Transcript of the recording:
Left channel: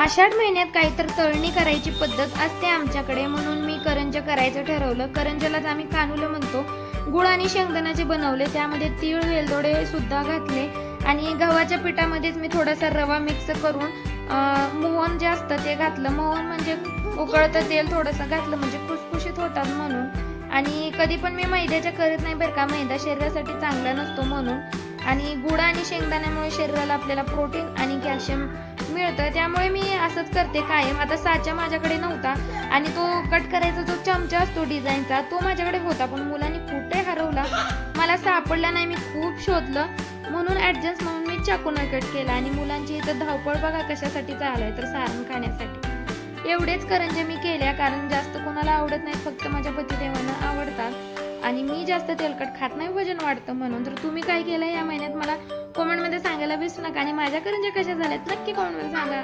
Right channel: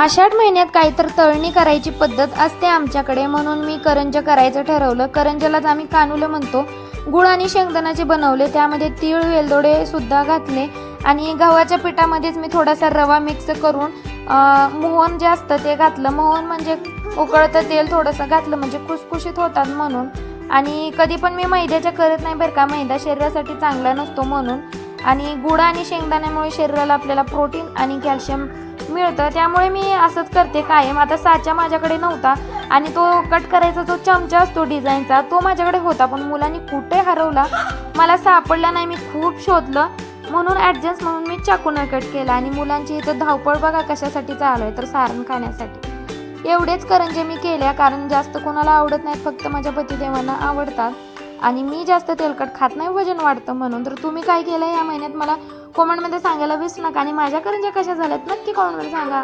आषाढ महिन्यात काहीतर तळणी करायची पद्धत असते आमच्याकडे, म्हणून मी करंज्या करायचं ठरवलं. करंज्यालाच आम्ही कानुलं म्हणतो. गुळ आणि शेंगदाण्याचे बनवले, त्यामध्ये तीळ वेलदोडे सुद्धा घातले आणि गव्हाच्या पिठामध्येच मी थोडासा रवा मिक्स करून मोहन जे असतं ते घातलं. मोहन म्हणजे उकळतं तेल थोडंसं घातलं म्हणजे खुसखुशीत होतात म्हणून. आणि कधी पण मी मैद्याच्या करत नाही बरं का, मैदा शरीरासाठी चांगला नसतो म्हणून. आणि गुळ आणि शेंगदाण्यामुळे शरीराला आपल्याला प्रोटीन आणि कॅल्शियम मिळतं, त्यामुळे मी असंच करते कायम. आता साचा माझ्याकडे नव्हता आणि तो कट करायचा जो चमचा असतो डिझाईनचा तो माझ्याकडे होता, पण मुलांनी कुठे हरवला मला सापडला नाही. मी खूप शोधलं म्हणून ॲडजस्ट म्हणून मी चाकूने कट केला. आणि मुलांची इथं धावपळ बघा कशासाठी चालू आहे, तर सारण खाण्यासाठी. एवढेच करंजे मी केल्या, कारण जास्त कोणाला आवडत नाहीत, फक्त माझ्या पतिदेवांना आवडतात. आणि मी जास्त तेलकट खात नाही, वजन वाढतं म्हणून. तर तुम्ही काय केलं या महिन्यात मला कॉमेंटमध्ये सांगायला विसरू नका. आणि माझ्या करंज्या कशा झाल्यात नक्की कॉमेंटमध्ये सांगा.